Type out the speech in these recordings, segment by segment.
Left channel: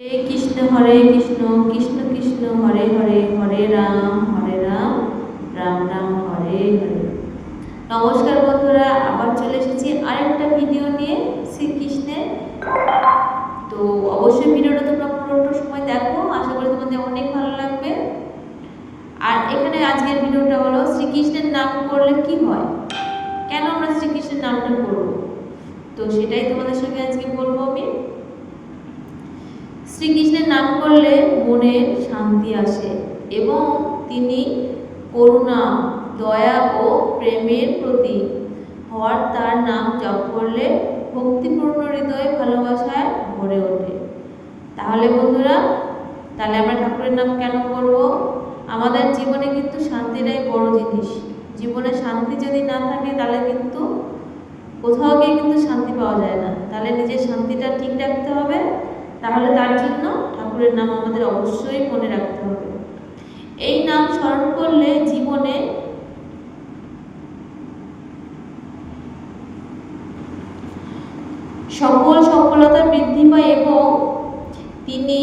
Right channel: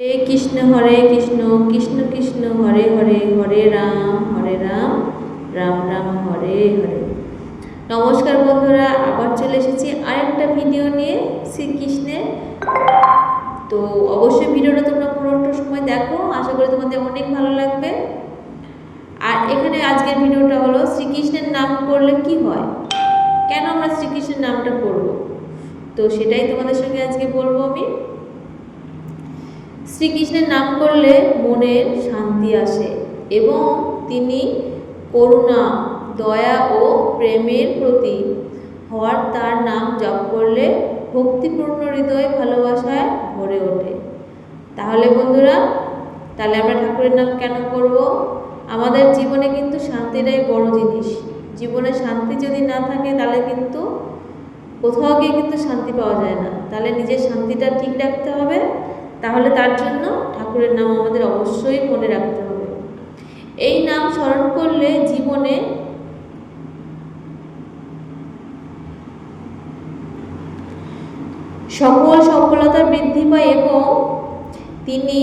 হরে কৃষ্ণ কৃষ্ণ কৃষ্ণ হরে হরে হরে রাম রাম রাম হরে হরে। নমস্কার বন্ধুরা, আবার চলে এসেছি আরেকটা ভিডিও নিয়ে শ্রীকৃষ্ণের। তো অবশ্যই ভিডিওটা তোমরা পুরোটা সময় দেখো, আশা করি তোমাদের অনেক ভালো লাগবে। আর এখানে আজকের ভিডিওটা হলো শ্রীকৃষ্ণের নাম করলে কি হয়, কেন আমরা শ্রীকৃষ্ণের নামটা করব, তো সেটাই তোমাদের সঙ্গে আজকে বলবো আমি। শ্রীকৃষ্ণের নাম করলে মনে শান্তি আসে এবং তিনি করুণা, দয়া ও প্রেমের প্রতীক হওয়ার তার নাম জপ করলে ভক্তিপূর্ণ হৃদয় ভালোবাসায় ভরে ওঠে। তাহলে বন্ধুরা, তাহলে আমরা ঠাকুরের নাম কেন করব? আমাদের জীবনে কিন্তু শান্তিটাই বড় জিনিস। জীবনে শান্তি যদি না থাকে তাহলে কিন্তু কোথাও গিয়ে কিন্তু শান্তি পাওয়া যায় না। তাহলে নিজের শান্তিটা ঠিক রাখতে হবে, তাহলে তার জন্য ঠাকুরের নাম আমাদের অবশ্যই মনে রাখতে হবে। এই নাম স্মরণ করলে জীবনে সকল সফলতা বৃদ্ধি পায় এবং তিনি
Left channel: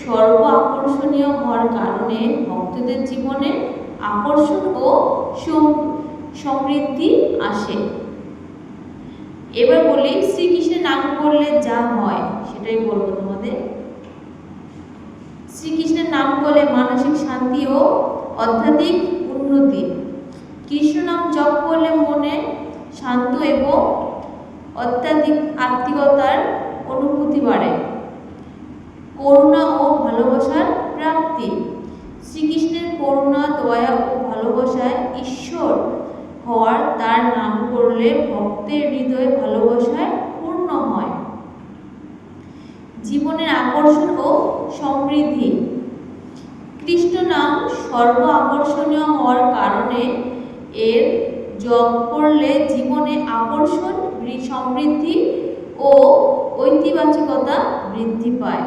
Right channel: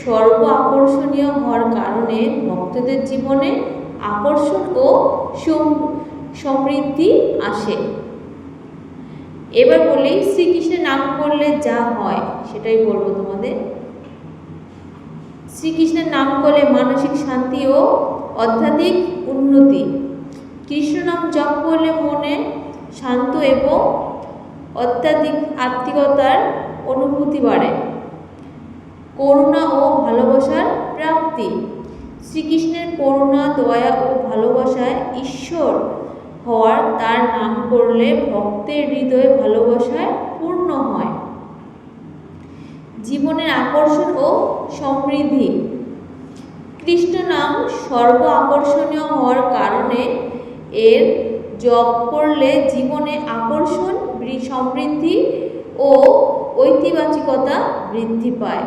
সর্ব আকর্ষণীয় হওয়ার কারণে ভক্তদের জীবনে আকর্ষণ ও সমৃদ্ধি আসে। এবার বলি শ্রীকৃষ্ণের নাম করলে যা হয় সেটাই বলবো তোমাদের। শ্রীকৃষ্ণের নাম করলে মানসিক শান্তি ও আধ্যাত্মিক উন্নতি। কৃষ্ণ নাম জপ করলে মনে শান্ত এবং অত্যাধিক আত্মীয়তার অনুভূতি বাড়ে। করুণা ও ভালোবাসার প্রাপ্তি। শ্রীকৃষ্ণের করুণা, দয়া ও ভালোবাসায় ঈশ্বর হওয়ার তার নাম করলে ভক্তের হৃদয়ে ভালোবাসায় পূর্ণ হয়। জীবনের আকর্ষণ ও সমৃদ্ধি। কৃষ্ণ নাম সর্ব আকর্ষণীয় হওয়ার কারণে এর জপ করলে জীবনে আকর্ষণ, সমৃদ্ধি ও ঐতিবাচিকতা বৃদ্ধি পায়।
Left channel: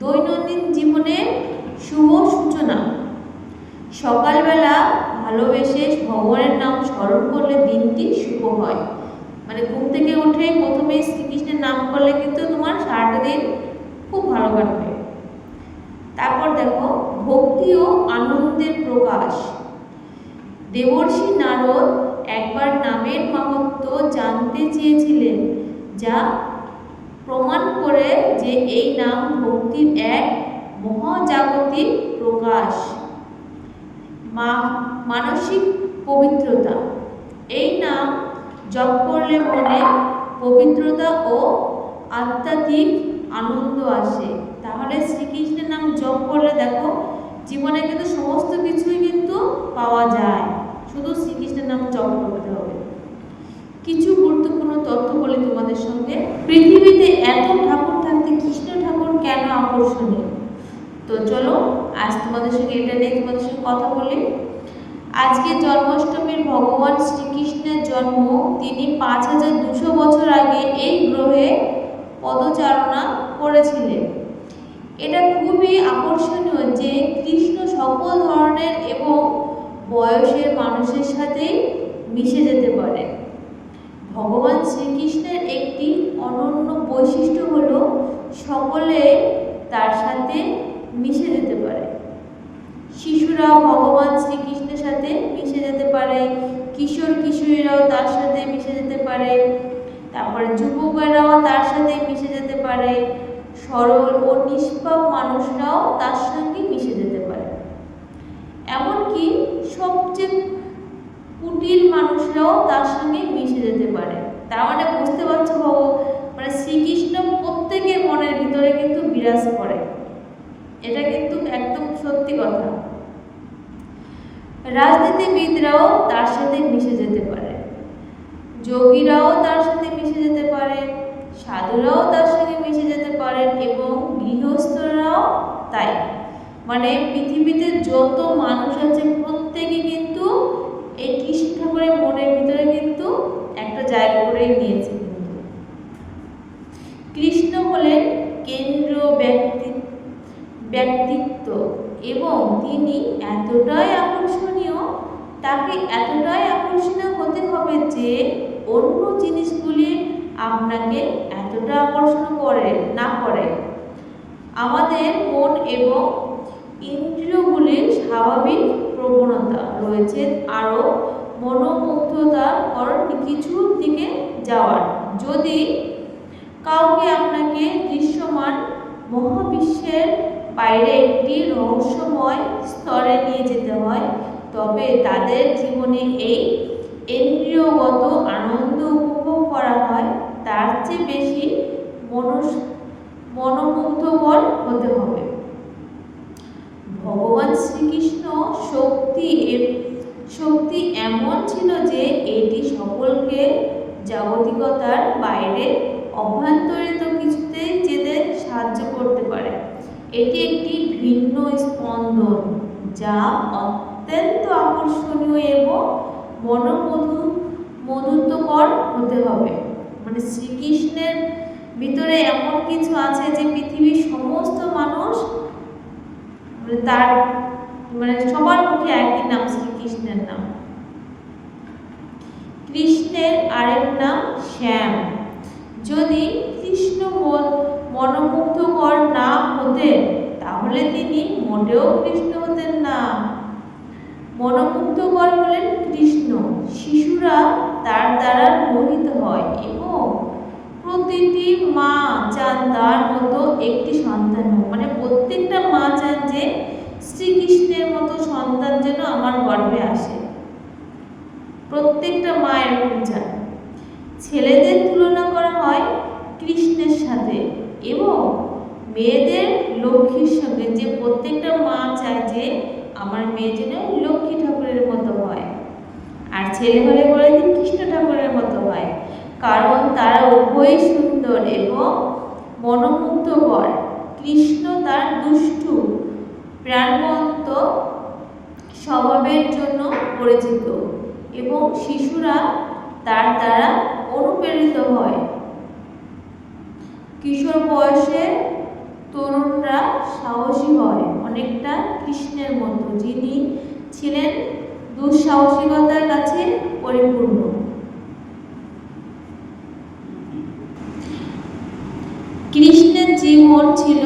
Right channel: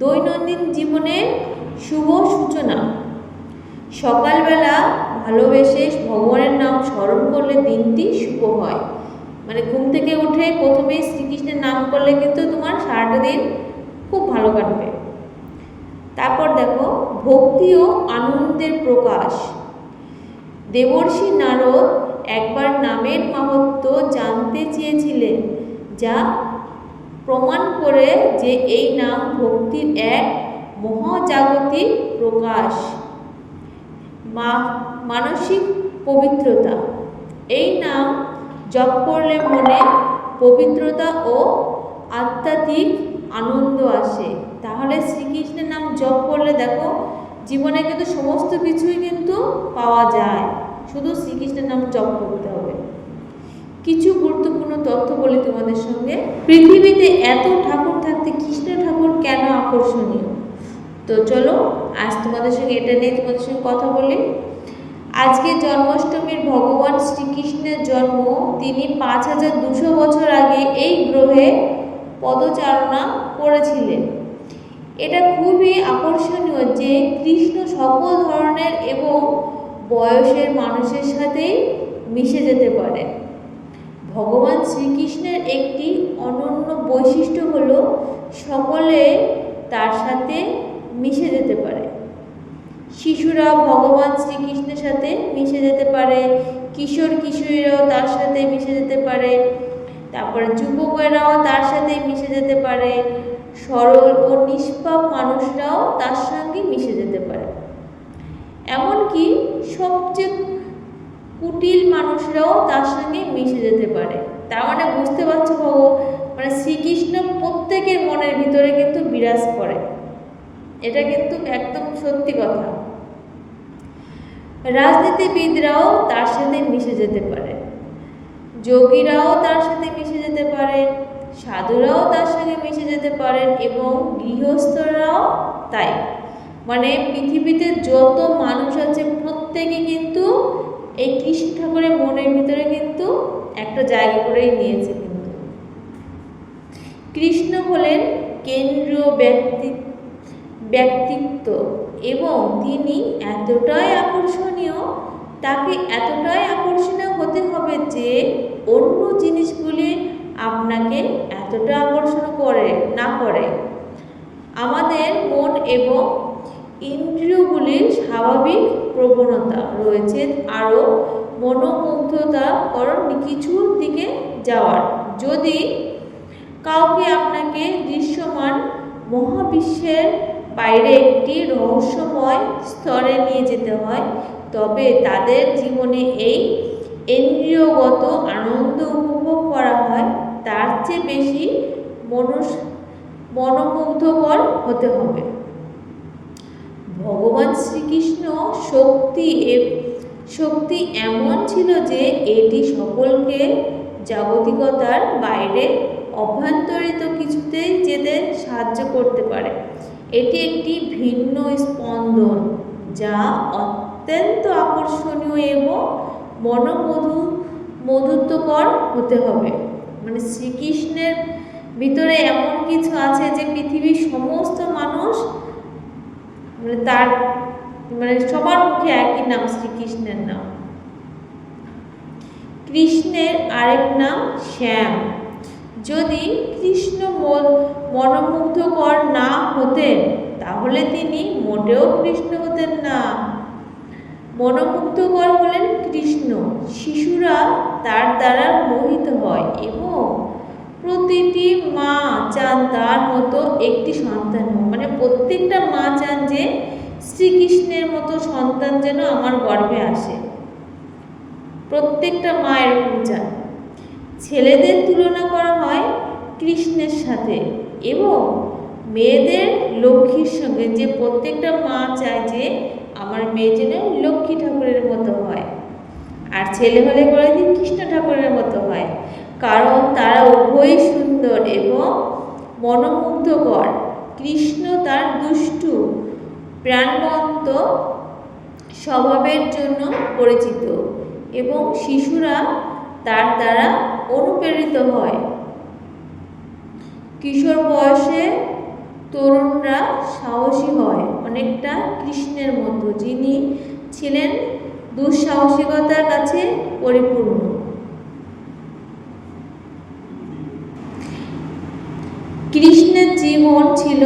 দৈনন্দিন জীবনে শুভ সূচনা। সকালবেলা ভালোবেসে ভগবানের নাম স্মরণ করলে দিনটি শুভ হয়। মানে ঘুম থেকে উঠে প্রথমেই শ্রীকৃষ্ণের নাম করলে কিন্তু তোমার সারাটা দিন খুব ভালো কাটবে। তারপর দেখো ভক্তি ও আনন্দের প্রকাশ। দেবর্ষি নারদ একবার নামের মাহাত্ম্য জানতে চেয়েছিলেন, যা প্রমাণ করে যে এই নাম ভক্তির এক মহাজাগতিক প্রকাশ। মানসিক পবিত্রতা। এই নাম জপ করলে মনে পবিত্রতা ও আধ্যাত্মিক আনন্দ আসে। তাহলে শ্রীকৃষ্ণের নাম জপ করলে দেখো জীবনে কিন্তু সমস্ত কিছুই কিন্তু পাওয়া যায়, শুধু শ্রীকৃষ্ণের নাম জপ করতে হবে। কিছু গুরুত্বপূর্ণ তথ্য বলি তোমাদের সঙ্গে। পৃথিবীতে এত ঠাকুর থাকতে কৃষ্ণ ঠাকুর কেন আকর্ষণীয়? তো চলো আজ তোমাদের সঙ্গে এটা নিয়ে তোমাদের সঙ্গে কথা বলি। আজকে জন্মাষ্টমীর ভগবান শ্রীকৃষ্ণের জন্ম। তিনি 5200 বছর আগে এই গ্রহে পদচারণা করেছিলেন। এটা খুবই আকর্ষণীয় যে কৃষ্ণ সকল ধরনের এবং বয়সের মানুষের সাথেই মিশে যেতে পারে। ভগবান শ্রীকৃষ্ণের একটি অনন্য বৈশিষ্ট্য হলো সকলে তার সাথে মিশে যেতে পারে। শিশুরা ভগবান শ্রীকৃষ্ণের সাথে মিশে যেতে পারে, কিশোর কিশোরীরাও তার সাথে মিশে যেতে পারে, তারপরে যুবকেরাও তার সাথে মিশে যেতে পারে, সরল ও নিষ্পাপ মানুষরাও তার সঙ্গে মিশে যেতে পারে, এমনকি সবচেয়ে কুটিল মানুষরাও তার সঙ্গে মিশে যেতে পারে। তার মানে বুঝতে পারছো মানে শ্রীকৃষ্ণ প্রত্যেকের মনের ভিতরে কিন্তু বিরাজ করে, এটা কিন্তু একদম সত্যি কথা। রাজনীতিবিদরাও তার সাথে মিশে যেতে পারে, যোগীরাও তার সাথে মিশে যেতে পারে, সাধুরাও তার সঙ্গে মিশে যেতে পারেন এবং গৃহস্থরাও তাই। মানে পৃথিবীতে যত মানুষ আছে প্রত্যেকে কিন্তু এই কৃষ্ণ ঠাকুরের মনের ভিতরে কিন্তু একটা জায়গা করে নিয়েছে। কিন্তু কৃষ্ণ হলেন কেন্দ্রীয় ব্যক্তিত্ব এবং তিনি এতটাই আকর্ষণীয়, তাকে এতটাই আকর্ষণীয় হতে হবে যে অন্য জিনিসগুলি আপনাকে এতটা আকর্ষণ করে না করে। আমাদের মন এবং ইন্দ্রিয়গুলির স্বাভাবিক প্রবণতা রয়েছে আরও মনোমুগ্ধতাকর কিছুর দিকে যাওয়ার। যদি কাউকে আপনাকে দৃশ্যমান মহাবিশ্বের বাইরে একটি রহস্যময় স্তরে নিয়ে যেতে হয়, তবে তাদের জীবনে এই ইন্দ্রিয়গত আনন্দ উপভোগ করা হয় তার চেয়ে বেশি মনোমুগ্ধকর হতে হবে। ভগবান শ্রীকৃষ্ণ শক্তি এমন ছিল যে এটি সকলকে জাগতিকতার বাইরে অভ্যন্তরিত কিছুতে যেতে সাহায্য করতে পারে। এটি একটি ভিন্ন স্পন্দন যা অত্যন্ত আকর্ষণীয় এবং মধুত্বকর হতে হবে। মানে শ্রীকৃষ্ণের ভিতরে এমন কিছু আছে যে পৃথিবীর সমস্ত মানুষ তার সবার মুখে একই নাম, শ্রীকৃষ্ণের নাম। কৃষ্ণের আরেক নাম শ্যাম। যদি কৃষ্ণ মনোমুগ্ধকর না হতেন তাহলে তিনি মোটেও কৃষ্ণ হতেন না। মনোমুগ্ধকর হলেন কৃষ্ণ। শিশুরা তার দ্বারা মোহিত হয় এবং প্রতিটি মা চান তার মতো একটি সন্তান হোক। প্রত্যেকটা মা চান যে শ্রীকৃষ্ণের মতো সন্তান যেন আমার গর্ভে আসে। প্রত্যেকটা মা এরকম চান। ছেলেদের তুলনা করা হয় কৃষ্ণের সাথে এবং মেয়েদের লক্ষ্মীর সঙ্গে, যে প্রত্যেকটা মা চায় যে আমার মেয়ে যেন লক্ষ্মী ঠাকুরের মতো হয়, আর ছেলে হলে বলে দিন কৃষ্ণ ঠাকুরের মতো হয়, কারণ তারা উভয়ই সুন্দর এবং মনোমুগ্ধকর। কৃষ্ণ তার দুষ্টু প্রাণবন্ত স্বভাবের জন্য পরিচিত এবং শিশুরা তার দ্বারা অনুপ্রেরিত হয়। কিশোর বয়সে তরুণরা সাহসী হয় অনেকটা কৃষ্ণের মতো, যিনি ছিলেন দুঃসাহসিকতার কাছে পরিপূর্ণ। কৃষ্ণের জীবন ছিল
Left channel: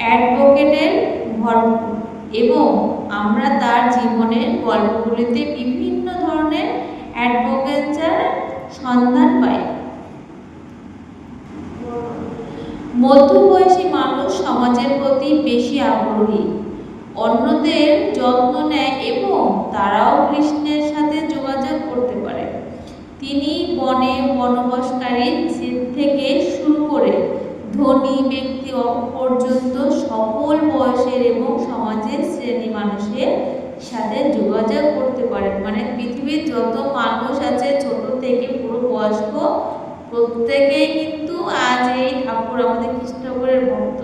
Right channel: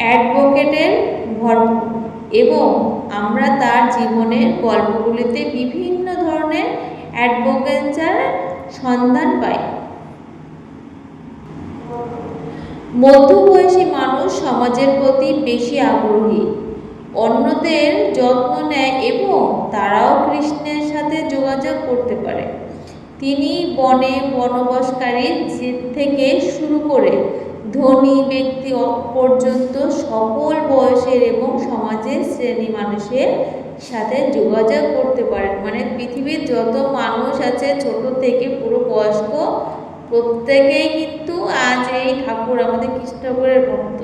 অ্যাডভোকেটের ভরপুর এবং আমরা তার জীবনের গল্পগুলিতে বিভিন্ন ধরনের অ্যাডভোকেচার সন্ধান পাই। মধ্যবয়সী মানুষ সমাজের প্রতি বেশি আগ্রহী, অন্যদের যত্ন নেয় এবং তারাও কৃষ্ণের সাথে যোগাযোগ করতে পারে। তিনি বনে বনবাসকারী থেকে শুরু করে ধনী ব্যক্তি পর্যন্ত সকল বয়সের এবং সমাজের শ্রেণী মানুষের সাথে যোগাযোগ করতে পারেন। পৃথিবীর যত মানুষ আছে ছোট থেকে পুরো বয়স্ক প্রত্যেকেই কিন্তু আজ এই ঠাকুর আমাদের কৃষ্ণ ঠাকুরের ভক্ত।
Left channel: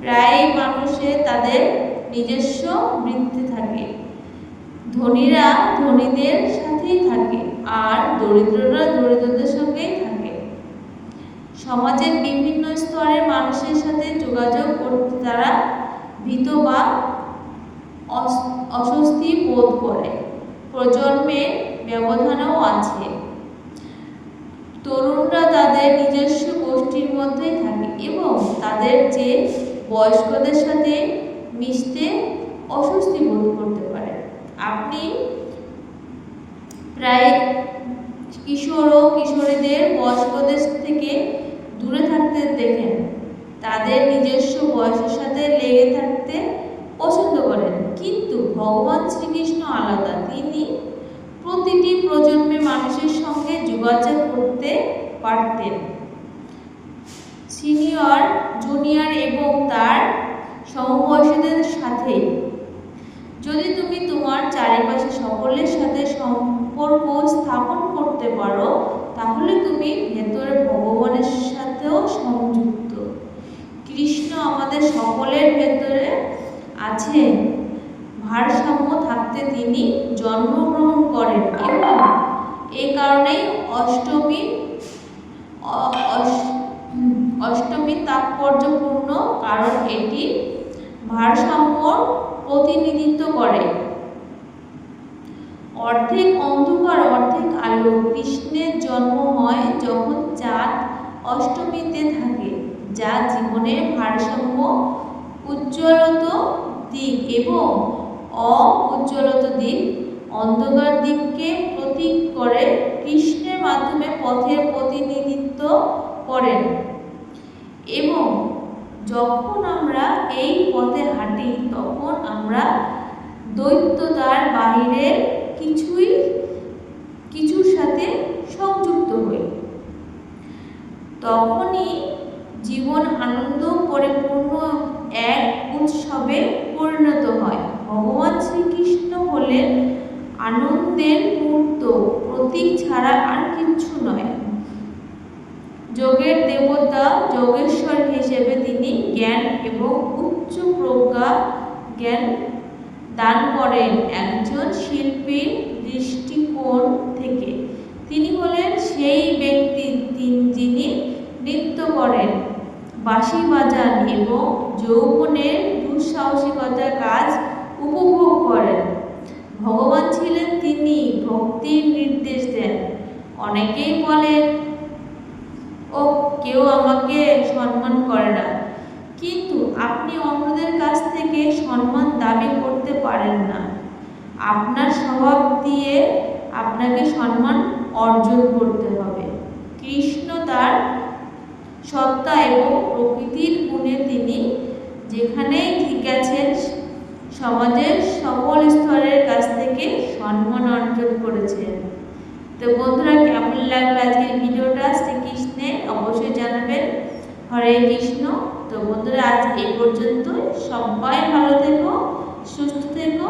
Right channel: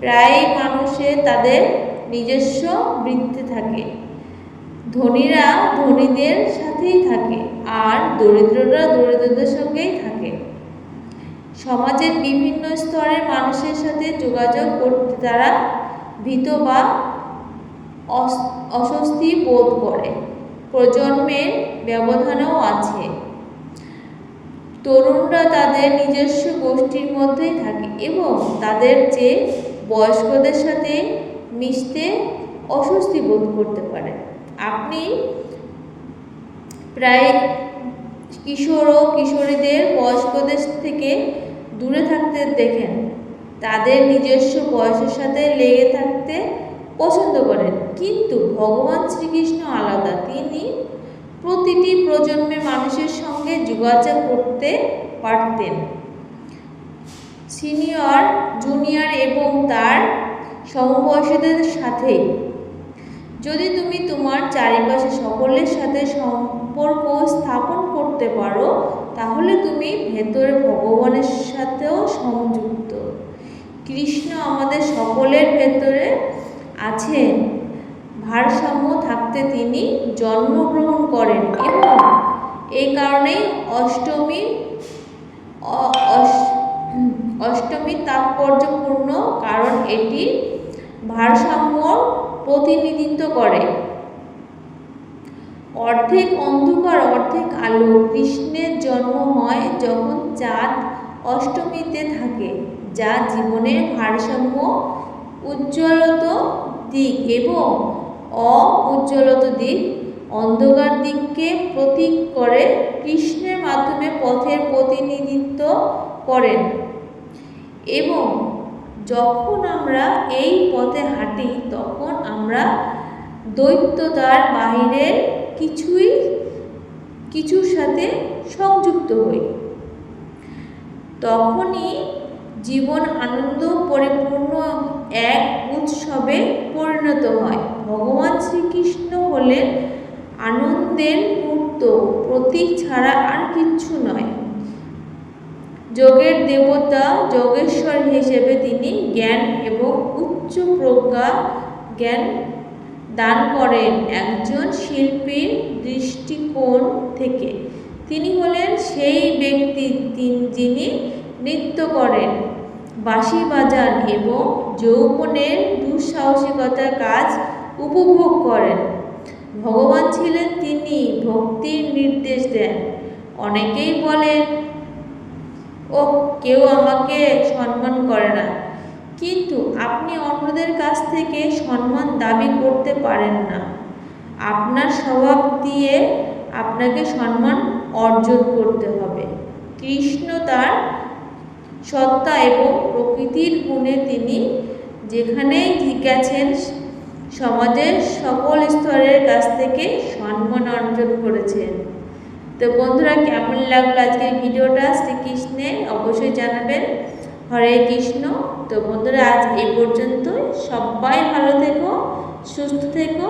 প্রায় মানুষের তাদের নিজস্ব বৃত্তি থাকে। ধনীরা ধনীদের সাথেই থাকে আর দরিদ্ররা দরিদ্রদের সঙ্গেই থাকে। সমাজের বিভিন্ন স্তরের মানুষের সাথে যোগাযোগ করতে তারা ভীত বা অস্বস্তি বোধ করে। প্রজন্মের ব্যবধানও আছে। তরুণরা তাদের নিজস্ব গোষ্ঠীর মধ্যেই থাকে এবং তাদের যে বয়স্কদের সাথে মিশতে অস্বস্তি বোধ করতে পারে। আপনি প্রায় কিশোর ও কিশোরীদের বয়স্কদের থেকে দূরে থাকতে দেখেন। তাদের নিজস্ব বয়সের সাথে লেগে থাকতে পছন্দ করেন। কিন্তু ভগবান শ্রীকৃষ্ণ আলাদা। তিনি প্রতিটি প্রজন্মের মানুষের সঙ্গে যোগাযোগ করতে পারতেন, সিনিয়র, জুনিয়র এবং তার সমবয়সীদের সাথে। যদি তুমি তোমার চারিপাশে সকলের সাথে সম্পর্ক স্থাপন করতে পারো তাহলে তুমি ভেতরে ভগবানের সাথেও সংযুক্ত। কৃষ্ণ আমাদের সকলের ভেতরে আছেন। ভারসাম্য থাকতে তিনি জন্মগ্রহণ করেন এবং এই কারণেই অষ্টমী তাৎপর্যপূর্ণ, কারণ এটি ভারসাম্য প্রতিনিধিত্ব করে। অর্ধেক অন্ধকার অর্ধেক আলো। কৃষ্ণের জন্ম হয় যখন চাঁদ অষ্টমীতে থাকে, যা জীবনের ভারসাম্য, উজ্জ্বলত দিক এবং অউজ্জ্বলত দিক, অন্ধকার দিককে প্রতীক করে। কৃষ্ণের মাধ্যমে পথের প্রতিনিধিত্ব করেন এবং যখন আমরা এই পথে হাঁটি তখন আমরা দ্বৈততার বাহিরের কিছুর সাথে সংযুক্ত হই। তখনই জীবন আনন্দ পরিপূর্ণ এক উৎসবে পরিণত হয়। ভগবান শ্রীকৃষ্ণ হলেন আনন্দের মূর্ত, প্রতীক ছাড়া আর কিচ্ছু নয়। যোগের দেবতা, যোগেশ্বর হিসেবে তিনি জ্ঞান এবং উচ্চ প্রজ্ঞা জ্ঞান দান করেন। একজন শিল্পীর দৃষ্টিকোণ থেকে তিনি হলেন সেই ব্যক্তি যিনি নৃত্য করেন, বাঁশি বাজান এবং যৌবনের দুঃসাহসিকতার কাজ উপভোগ করেন। ভগবান ছিলেন তিনি ভক্তির নির্দেশ দেন। অনেকেই বলেন, ও কেউ আমাকে সম্মান করে না, কিন্তু আপনি অন্যদের কাছ থেকে সম্মান দাবি করতে পারেন না। আপনার স্বভাব দিয়ে আপনাকে সম্মান অর্জন করতে হবে। কৃষ্ণ তার সত্তা এবং প্রকৃতির গুণে তিনি যেখানে গেছেন সমাজের সকল স্তরের কাছ থেকে সম্মান অর্জন করেছেন। তো বন্ধুরা, কেমন লাগলো আজকের ভিডিওটা শ্রীকৃষ্ণের অবশ্যই জানাবেন। হরে কৃষ্ণ। তো বন্ধুরা, আজ এই পর্যন্ত। সবাই ভালো থেকো, সুস্থ থেকো।